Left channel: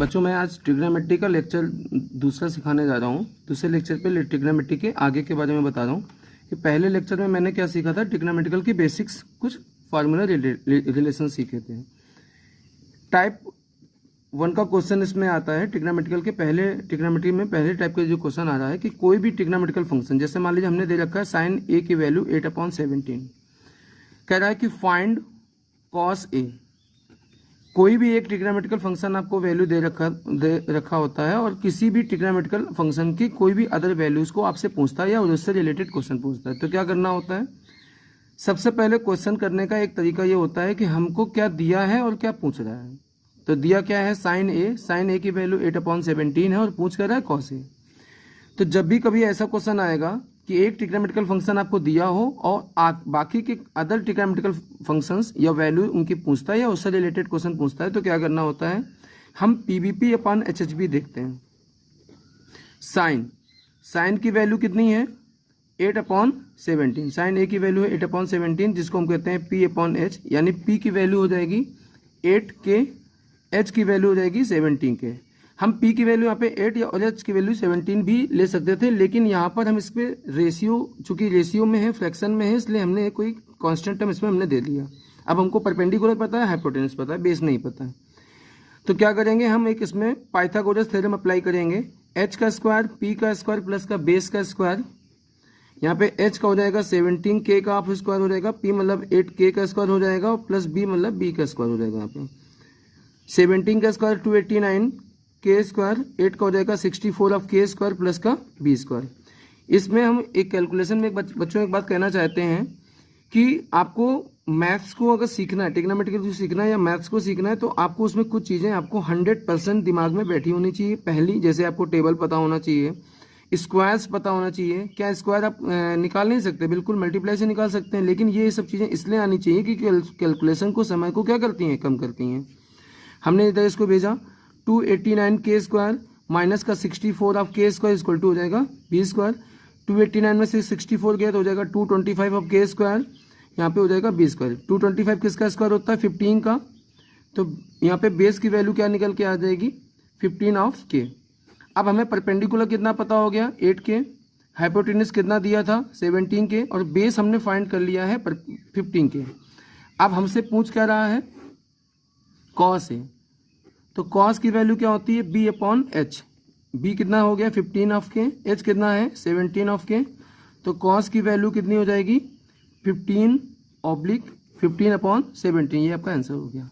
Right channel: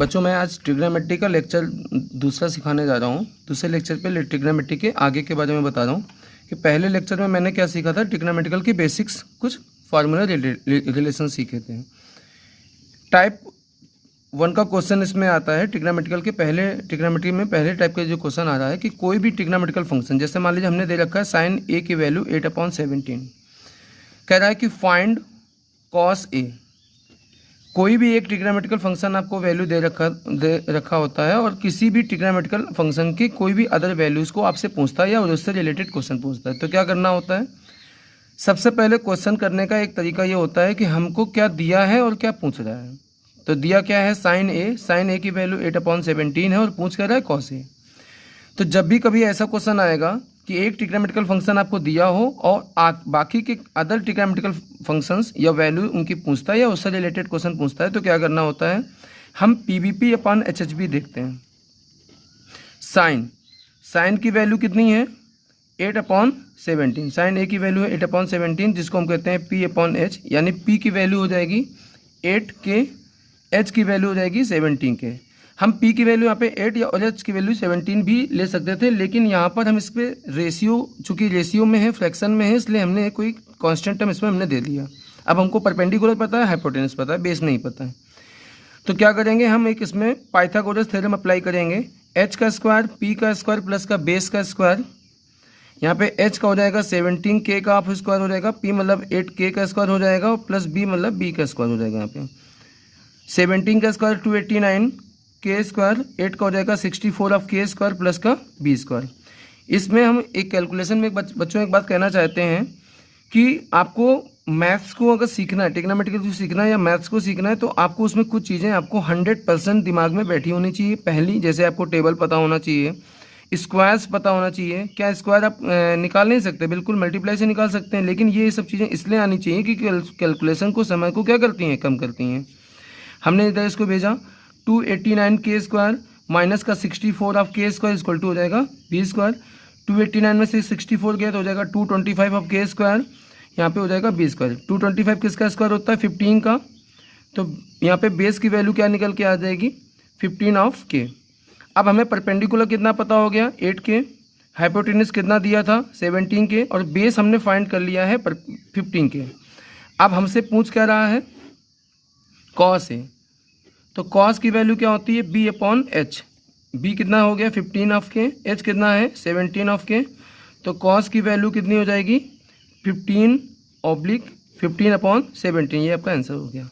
बच्चों मैं आज ट्रिग्नोमेट्री का लेक्चर दूसरा सिखाने जा रहा हूँ। दूसरे लेक्चर पे ट्रिग्नोमेट्री के आगे के बारे में बता रहा हूँ कि पहले लेक्चर में मैंने क्या सीखा था। ट्रिग्नोमेट्रिकल की बेसिक्स, कुछ फार्मूला रिलेशन सीखे थे। टाइप 1 का क्वेश्चन इसमें आता है। ट्रिग्नोमेट्री में पहले टाइप का जो क्वेश्चन आ रहा है कि कोई भी ट्रिग्नोमेट्रिकल फंक्शन, जैसे मान लीजिए हमने दे रखा है साइन ए की वैल्यू 8/17, कह रहा है कि फाइंड कॉस ए। कोई भी एक ट्रिग्नोमेट्रिकल फंक्शन आपको वैल्यू दे रखा होता है और किसी भी ट्रिग्नोमेट्रिकल फंक्शन की कोई भी अदर वैल्यूज़ को आपसे पूछता है या उससे रिलेटेड क्वेश्चन पूछता है। तो क्या करना होता है, सबसे पहले क्वेश्चन करने का एक तरीका ये होता है कि हमको क्या दिया है और क्या पूछ रहा है। तो दिया क्या है, साइन ए की वैल्यू 8/17 है और पूछ कर रहा है कॉस ए। तो जब भी कभी ऐसा क्वेश्चन आएगा कि एक ट्रिग्नोमेट्रिकल फंक्शन आपको दिया हो और बाकी के अदर ट्रिग्नोमेट्रिकल फंक्शंस या वैल्यू उनकी पूछता है या उससे रिलेटेड क्वेश्चन पूछता है, तो क्या करना होता है, हम PVP/HHB देखते हैं। साइन की वैल्यू कितनी है, 8/17। साइन ए की वैल्यू है 8/17, जिसको हम कहते हैं P/H, यानी P की वैल्यू हो जाएगी 8 के, H की वैल्यू हो जाएगी 17 के। हम P की वैल्यू यहाँ पे 8 या और H की वैल्यू 17 भी ले सकते थे, लेकिन यहाँ पर हम इस पर रेशियो, चूंकि रेशियो में है, फ्रैक्शन में है, इसलिए हमने कोई कांस्टेंट टर्म इसमें हमने दे दिया। अब हमको परपेंडिकुलर पता है, हाइपोटेनस पता है, बेस नहीं पता है। तो क्या करेंगे, हम एक इसमें पाइथागोरस थ्योरम अप्लाई करेंगे। H का स्क्वायर, P का स्क्वायर प्लस का बेस का स्क्वायर। यहाँ पे H का हो जाएगा 17, K का हाफ स्क्वायर हो जाएगा, P मतलब 8K का स्क्वायर हो जाएगा, प्लस B मतलब B का स्क्वायर हो जाएगा। यहाँ पे 17 का स्क्वायर 289, K स्क्वायर, 8 का हो जाएगा 64 ऑफ K स्क्वायर प्लस का B स्क्वायर। इसमें हम एक कैलकुलेशन में बच्चों एक बात कहना चाहते हैं कि आपको मैथ्स को अगर सीखना है, ट्रिग्नोमेट्रिकल को सीखना है या मैथ्स को सीखना है, तो आपको उसमें कुछ चीज़ें आपको 100% दिमाग में बैठी होनी चाहिए। पहली, जैसे आपको टेबल पता होना चाहिए, स्क्वायर्स पता होना चाहिए। क्या स्क्वायर आप निकाल नहीं सकते, बिल्कुल मल्टीप्लाई से निकाल सकते हैं, लेकिन ये सब चीज़ें इसलिए आनी चाहिए कि कैलकुलेशन को, समय को क्या करती हैं, कम करती हैं। हमने इधर इसको भेजा 289 K स्क्वायर माइनस का 64 of K square equal to हो जाएगा B स्क्वायर। 289 में से 64 गया तो हो जाएगा 225 ऑफ K स्क्वायर, यहाँ पे हो जाएगा B स्क्वायर। 225 किसका स्क्वायर होता है, 15 का। तो यहाँ पे बेस की वैल्यू क्या निकल के आ जाएगी, 15 ऑफ K। अब हमें परपेंडिकुलर कितना पता हो गया, 8K। हाइपोटेनस कितना दिया था, 17K, और बेस हमने फाइंड कर लिया है 15K। अब हमसे पूछ क्या रहा है, कॉस ए। तो कॉस की वैल्यु क्या होती है, B/H। B कितना हो गया, 15 ऑफ K, H कितना है, 17 ऑफ K। तो कॉस की वैल्यू कितनी हो जाएगी, 15/17। ये आपका आंसर हो गया।